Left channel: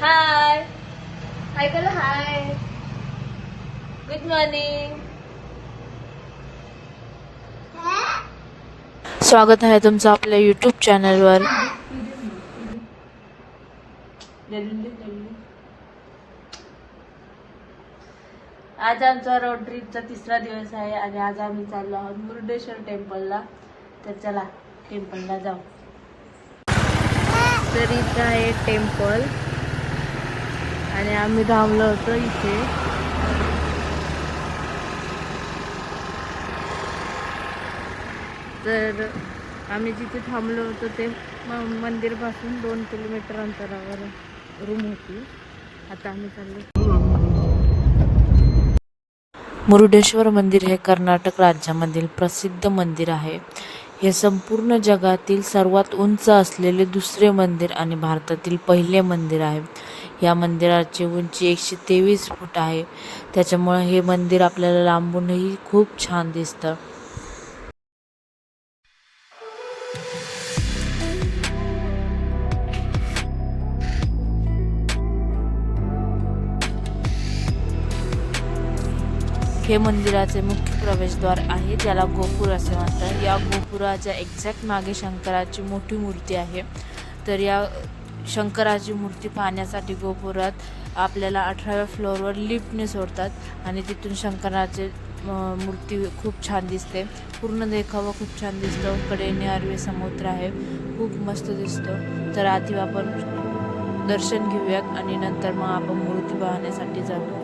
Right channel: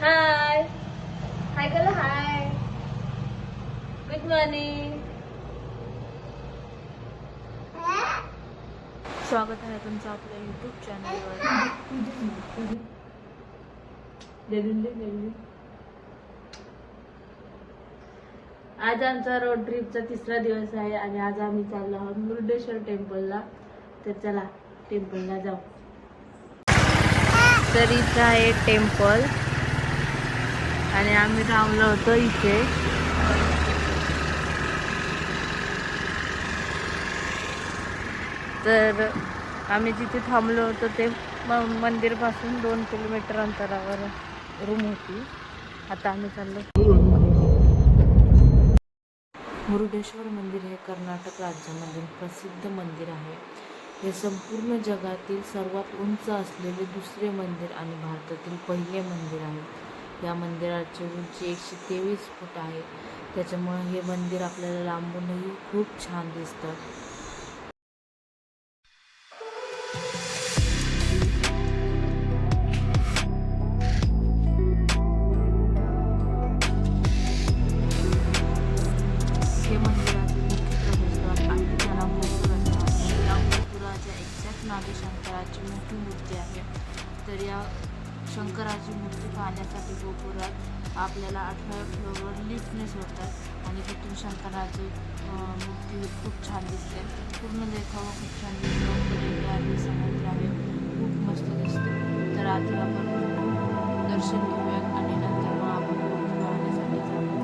हाय हाय बोला हाय. Good morning. स्वागत आहे तुमचं आपल्या यूट्यूब चॅनलवर. आज आमचा रोड ट्रिपचा तिसरा दिवस आहे आणि आज आम्ही चाललो आहोत मुरुडेश्वर टेम्पलला. तर चला टेम्पलला जाऊ. तर इथं आहे टेम्पल आणि आम्ही थांबलो होतो इथे. तर आम्ही जिथे थांबलो होतो ते मंदिरपासून 2 किलोमीटर अंतरावर रूम होती. आता आम्ही चाललो. मुरुडेश्वर मंदिर हे कर्नाटक राज्यामधील प्रसिद्ध मंदिर आहे. हे संपूर्ण जगातील सर्वात उंच असलेले दुसरे मंदिर आणि भारतातील पहिले मंदिर आहे. या मंदिराची उंची 123 फूट आहे. त्याच्यामुळे हे मंदिर आपल्याला लांबूनही खूप छान दिसतं. हे मंदिराचे मुख्य प्रवेशद्वार आहे, ज्याला गोपुर असे म्हणतात. या गोपुराच्या एक्झॅक्ट मागे शंकराची मोठी मूर्ती आहे. तर या शंकराची मूर्ती पाहण्यासाठी गोपुरात आपल्याला 18व्या फ्लोअरवर लिफ्टने सोडतात आणि तिथून शंकराचे मूर्ती खूप छान दिसते. पूर्ण देखावा खूप छान दिसतो. कडेने अरबी समुद्र आहे, खूप मस्त दिसतं. तर आधी आपण दर्शन घेऊयात आणि नंतर मग आपण मूर्ती पाहण्यासाठी जाऊया.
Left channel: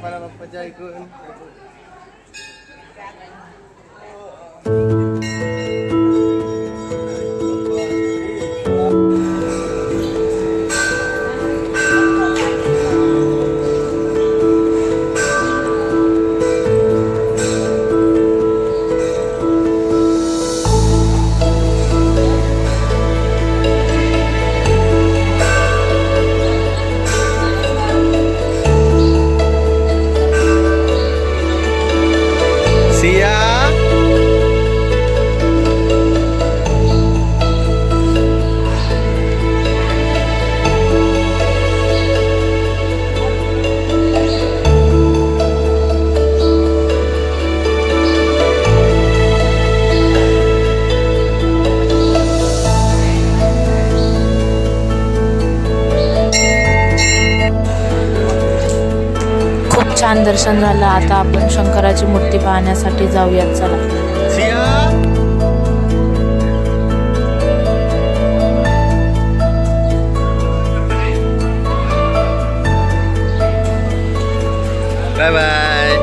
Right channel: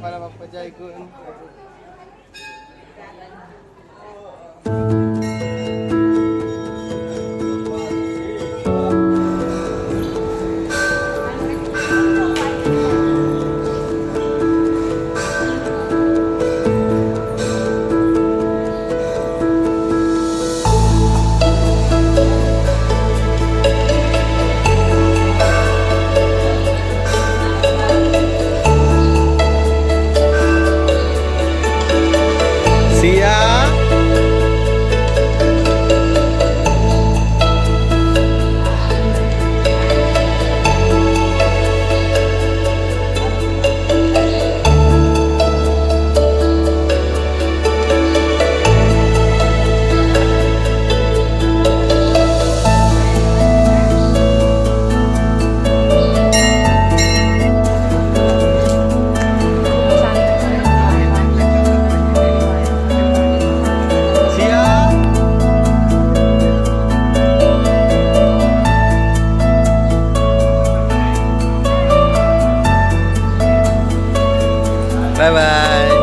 para magpa-jay ko. दर्शन झालं. आता आपण शंकराची मूर्ती पाहण्यासाठी जाऊया. चला. Bye bye.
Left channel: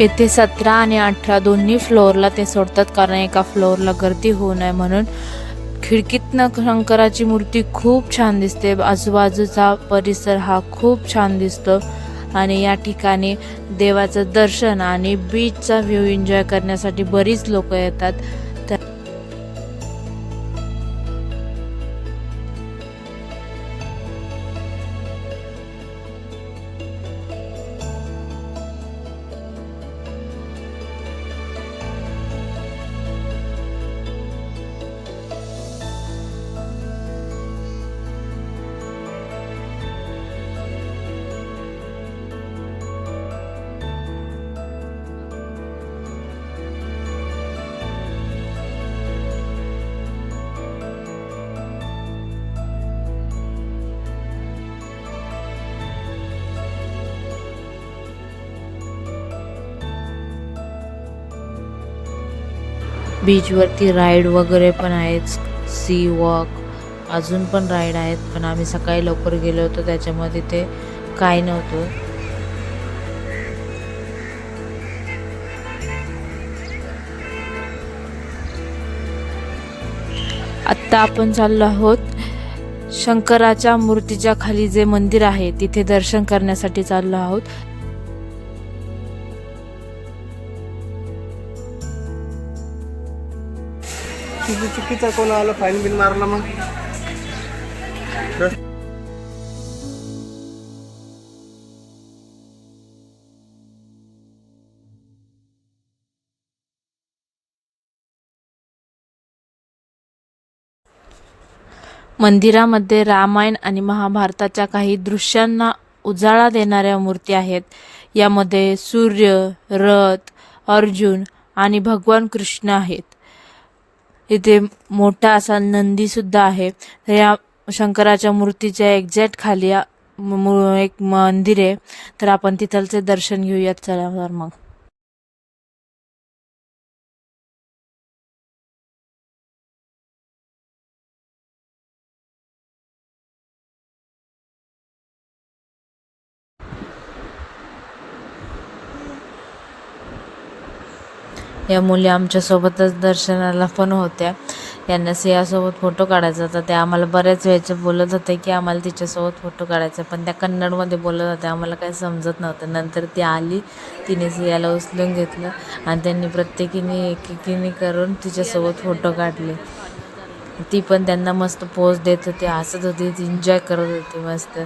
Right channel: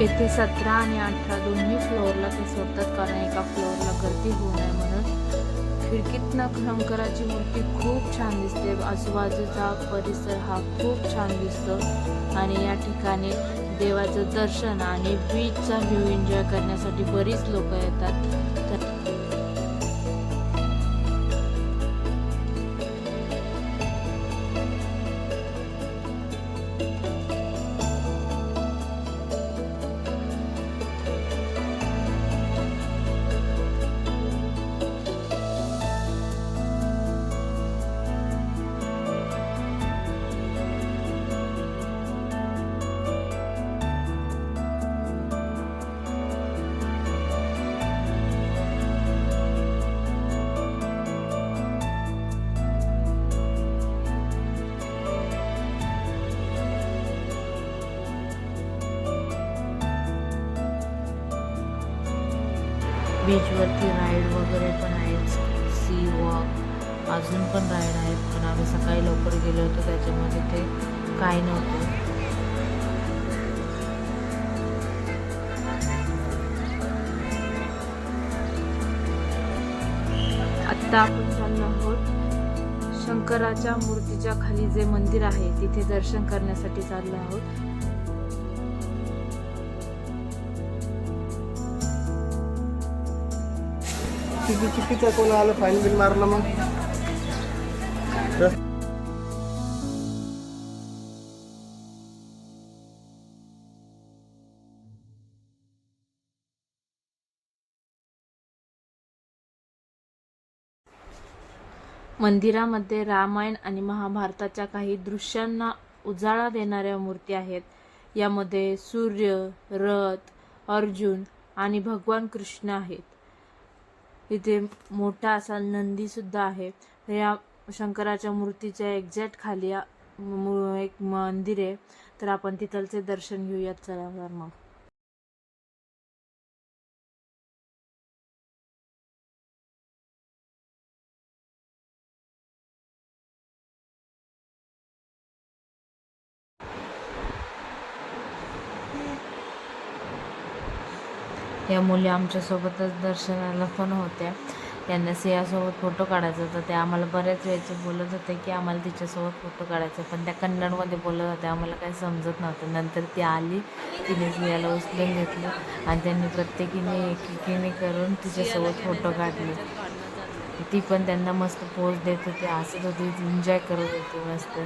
येथे 17 आणि 18 दोन्ही फ्लोअरला ते सोडतात, कारण एका फ्लोअरला गर्दी होऊ नये म्हणून. खिडकीतनं शंकराची मूर्ती खूप छान दिसते. आजूबाजूचा परिसर हा खूप छान दिसतो आणि या ठिकाणी देवाचं दर्शन आणि बीचचा व्ह्यू एन्जॉय करण्यासाठी बरीच लोक येतात. बीचवरती राईड वगैरे पण आहेत, सी वॉक, अजून पण राईड आहेत. पण आम्ही सकाळी लवकर गेलो होतो त्याच्यामध्ये ते काय नव्हतं. आत्ता आपण चाललो आहोत शंकराच्या मूर्तीच्या खाली जे मंदिर आहे तिथे दर्शन करण्यासाठी चाललो आहोत. चुकीचा कोण आलं फाईन बिल मारला मग. मंदिरामध्ये रामायण आणि महाभारताच्या काही दृश्यांना उजाळा देणाऱ्या मूर्ती आहेत. यामध्ये सूर्य, रथ, अर्जुन आणि भगवान कृष्ण आहेत. इथे मोठा असा नंदी सुद्धा आहे. या शंकराच्या मूर्तीच्या एक्झॅक्ट खाली एक मंदिर आहे, तर आपण तिथलचे दर्शन घेऊयात. चला तर मग. या मुली आमच्यासोबतच दर्शनाला पण होत्या. यांना सियासोबत फोटो काढायचा होता. त्या आम्हाला बऱ्याच वेळचे बोलत होते की आम्हाला तिच्यासोबत फोटो काढायचा, पण त्या कन्नडमध्ये बोलत होत्या, आम्हाला काही समजत नव्हतं. नंतर ती आली, तिने सियाला उचलून घेतलं आणि त्यांनी प्रत्येकीने एकेकीने करून तिच्यासोबत फोटो काढले. ती पण त्यांना मस्त पोज देत होती, हसत होती, एन्जॉय करत होती मस्त.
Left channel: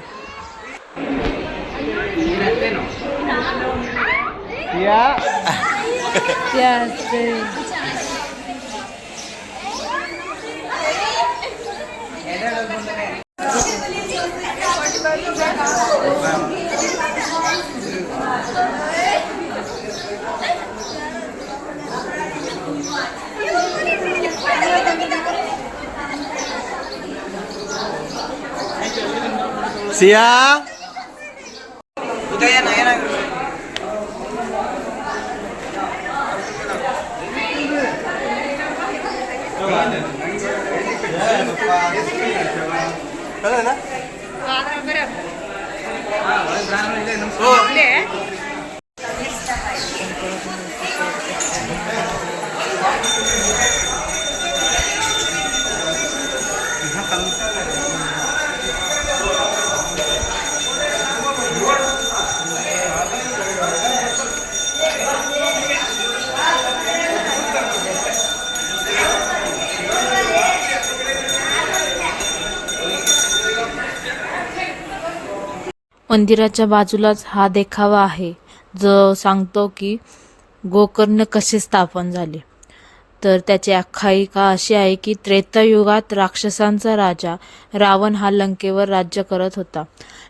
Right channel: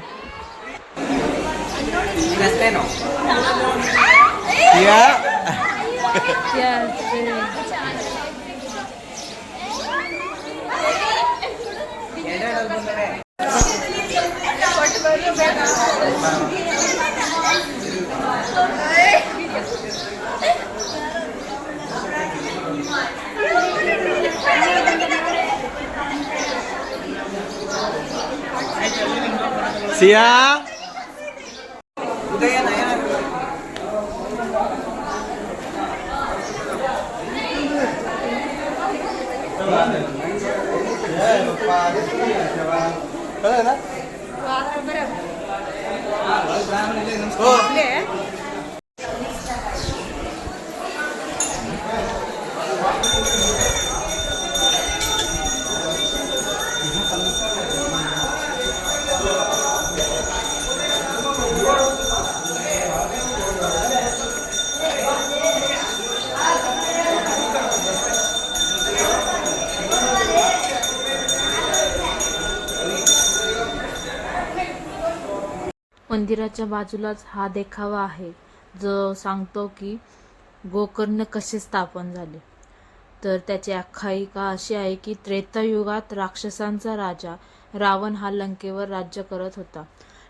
सिया मंदिराच्या बाजूलाच हा देखावा आहे जो सांगतो की गोकर्ण कसे स्थापन झाले. तर त्याची आख्यायिका अशी आहे की त्रेतायुगात राक्षसांचा राजा रावण हा लंकेवर राज्य करत होता.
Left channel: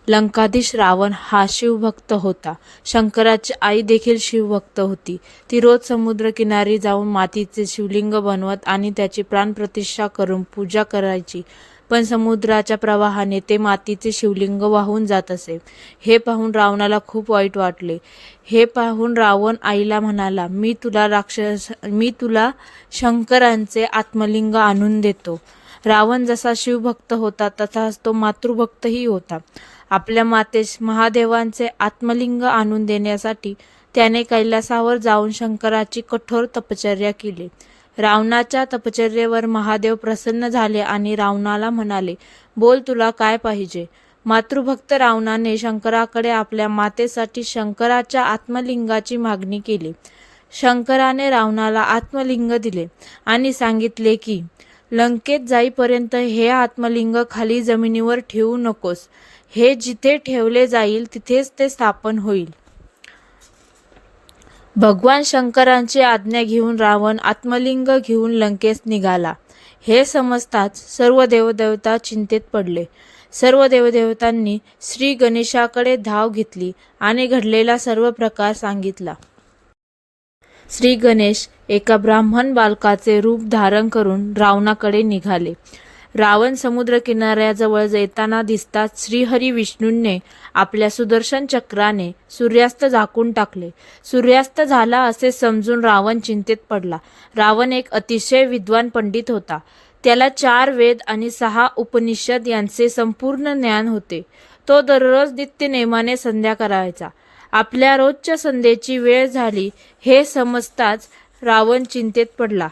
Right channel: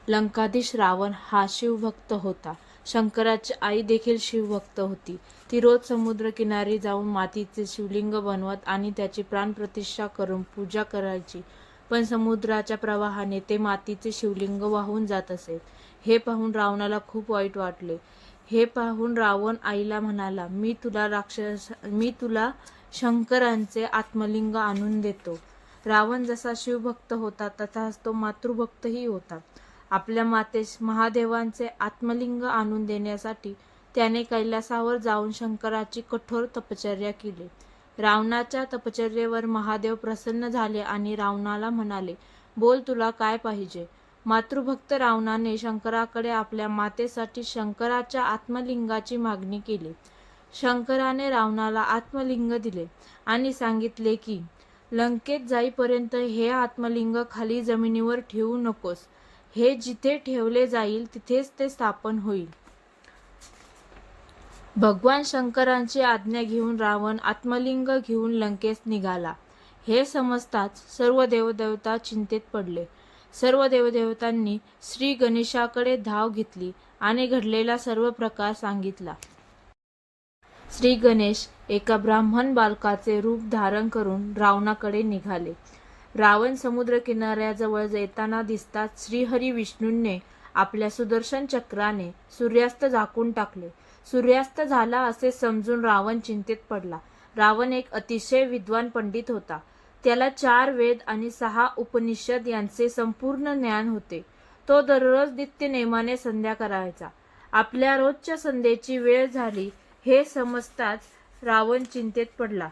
लंकाधीश रावण हा शिवभक्त होता. शंकराची आई देखील शिवभक्त होती. ती रोज समुद्रकिनारी जाऊन मातीचे शिवलिंग बनवत आणि त्याची प्राणप्रतिष्ठा करून पूजा करायची. पण समुद्राच्या प्रवाहाने ते मातीचे शिवलिंग वाहून जात असे. हे पाहून रावणाला खूप वाईट वाटले. हे पाहून रावण आईला म्हणाला, मी तुला शंकरांचे आत्मलिंग आणून देतो. रावण जसा शिवभक्त होता तसाच तो मातृभक्तही होता. आपल्या मातेस महादेवांचे आत्मलिंग आणून देण्यासाठी त्याने कैलासावर जाऊन शंकराची कठोर तपश्चर्या केली. रावणाच्या तपश्चर्येवर महादेव प्रसन्न झाले आणि रावणाला म्हणाले, बोल तुला काय पाहिजे. मातृभक्त रावणाने शंकराकडे आपल्या मातेसाठी शंकराच्या आत्मलिंगाची मागणी केली. शंकराने रावणाला आत्मलिंग दिले आणि सांगितले की लंकेत जाईपर्यंत हे आत्मलिंग खाली जमिनीवर ठेवू नकोस. हे जिथे ठेवले जाईल तिथेच ते स्थापन होईल. भगवान शंकरांची आज्ञा घेऊन रावण आत्मलिंग घेऊन लंकेस निघाला. हे समजताच सर्व देवदेवता चिंतेत पडले. सर्व देवदेवतांनी श्री गणेशाकडे धाव घेतली आणि घडलेला सर्व प्रकार सांगितला. श्री गणेश एका ब्राह्मण बालकाचे रूप धारण करून रावणाकडे निघाले. रावण समुद्र किनाऱ्याजवळ येताना दिसताच श्रीहरी विष्णूंनी आपल्या सुदर्शन चक्राने सूर्यास्त झाकून टाकले. सूर्यास्त झाला असे समजून रावण चिंतेत पडला. रावण एक अतिशय विद्वान पंडित होता. त्याला 4 वेद आणि 6 उपनिषद यांचे संपूर्ण ज्ञान होते. तो दररोज नित्यनेमाने संध्या करायचा. आपल्या रोजच्या संध्येची वेळ झाली हे समजताच रावण चिंतेत पडला.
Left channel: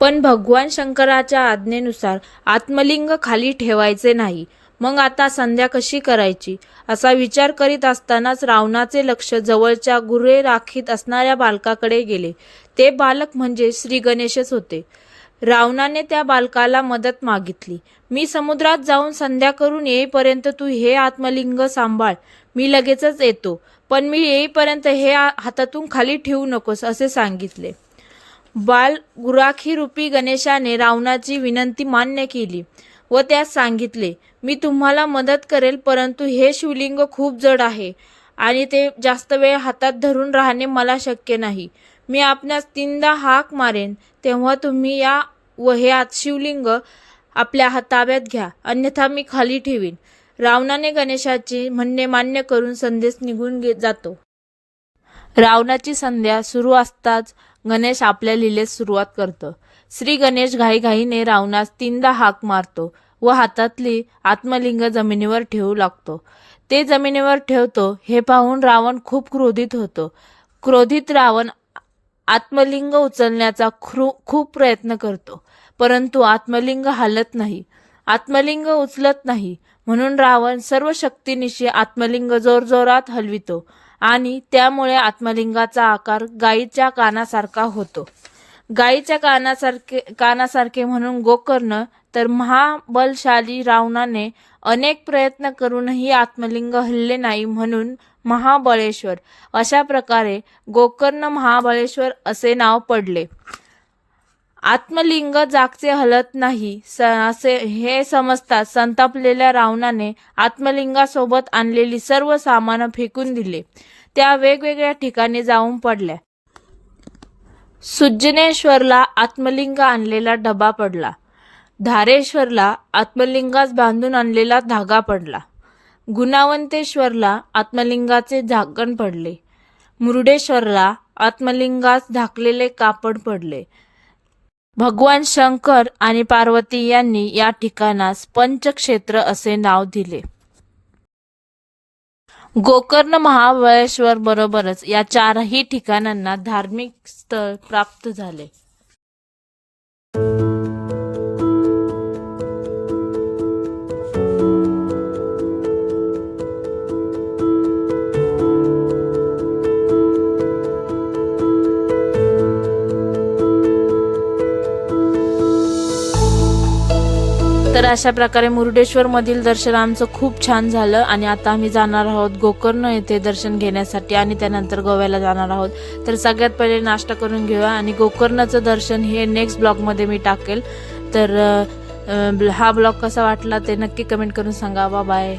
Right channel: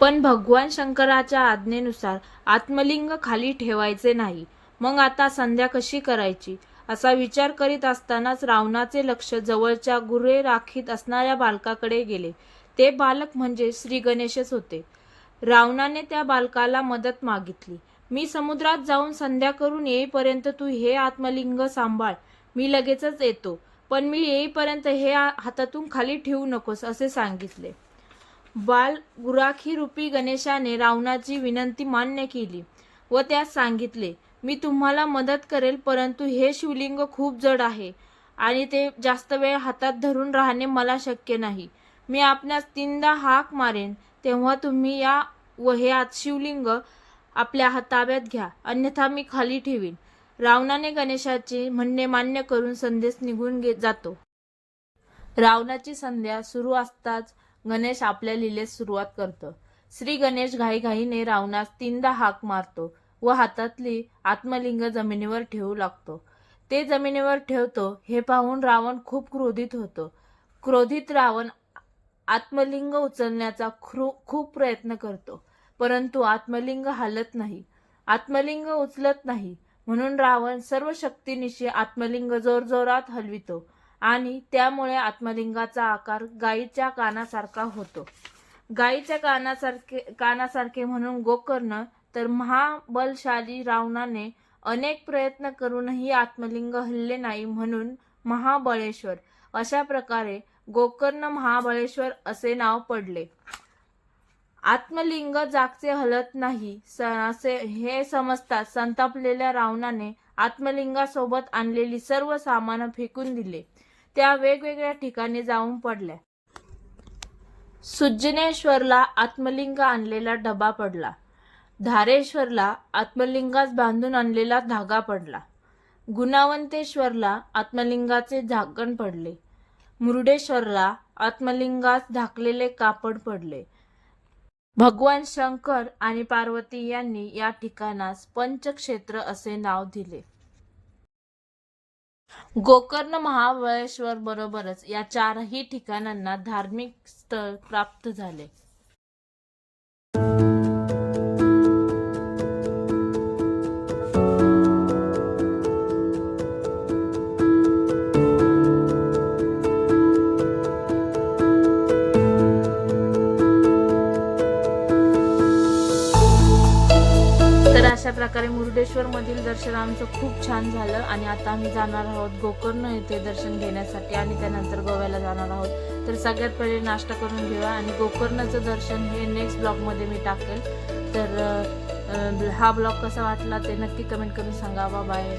पण भगवान शंकराच्या आज्ञेनुसार आत्मलिंग खाली ठेवायचे नाही. मग आता संध्या कशी करायची असा विचार करीत असतानाच रावणाचे लक्ष जवळच्या गुरे राखीत असणाऱ्या बालकाकडे गेले. ते बालक म्हणजे श्री गणेशच होते. रावणाने त्या बालकाला मदत मागितली. मी समुद्रात जाऊन संध्या करून येईपर्यंत तू हे आत्मलिंग सांभाळ. मी लगेचच येतो. पण मी येईपर्यंत हे हातातून खाली ठेवू नकोस असे सांगितले. बाल गुराखी रूपी गणेशाने रावणाची विनंती मान्य केली व त्यास सांगितले, मी तुम्हाला मदत करेल, परंतु हे शिवलिंग खूप जड आहे आणि ते जास्त वेळ हातात धरून राहणे मला शक्य नाही. मी आपणास 3दा हाक मारेन तेव्हा तुम्ही या व हे शिवलिंग आपल्या ताब्यात घ्या, अन्यथा मी खाली ठेवीन. रावणाने गणेशाचे म्हणणे मान्य करून संदेश निघून जातो. रावणाची संध्या सुरू असताच गणेश आपल्या लीलेस सुरुवात करतो. श्री गणेश घाईघाईने रावणास 3दा हाक मारतो व हातातली आत्मलिंग जमिनीवर ठेवू लागतो. ते जमिनीवर ठेवतो हे पाहून रावण खूप क्रोधित होतो. क्रोधित रावण आत्मलिंग उचलण्याचा खूप प्रयत्न करतो, परंतु आत्मलिंग हालत नाही. आत्मलिंग उचलत नाही म्हणून रावण सर्व शक्तीनिशी आत्मलिंग जोरजोरात हलवितो आणि त्यामुळे आत्मलिंगाचा आकार गायीच्या कानासारखा होतो. गायीच्या कानासारखे म्हणून गोकर्ण तर महाबलशाली रावणाने अनेक प्रयत्न करूनही आत्मलिंग हलले नाही म्हणून महाबळेश्वर. अशा प्रकारे गोकर्ण महाबळेश्वर असे नाव पडले. आत्मलिंग जागचे हलत नाही असे हे समजताच संतापलेल्या रावणाने आत्मलिंगासोबत आणलेली सर्व सामान फेकून दिले. त्या वेगवेगळ्या ठिकाणी जाऊन पडल्या. सुज्जनेश्वरला आत्मलिंग आणलेला डबा पडला. धारेश्वरला आत्मलिंगास बांधून आणलेला धागा पडला. गुणावंतेश्वरला आत्मलिंगाचे झाकण पडले. मुरुडेश्वरला आत्मलिंगास झाकलेले कापड पडले. भगवान शंकर आणि पार्वती यांनी या ठिकाणास पंचक्षेत्र असे नाव दिले. गोकर्ण, महाबळेश्वर बरोबरच या चारही ठिकाणांना धार्मिक स्थळ प्राप्त झाले. तर अशा प्रकारे मुरुडेश्वर मधील दर्शन आमचं खूप छान झालं आणि आता आम्ही जाणार आहोत गोकर्ण येथे दर्शन घेण्यासाठी आणि त्यानंतर गोव्याला जाणार आहोत. तर सगळ्यात पहिले नाश्ता करून घेऊया आणि गोकर्णाचं दर्शन हे नेक्स्ट ब्लॉगमध्ये मी टाकेल. तर हा ब्लॉग कसा वाटला ते नक्की कमेंट करून सांगा. बाय.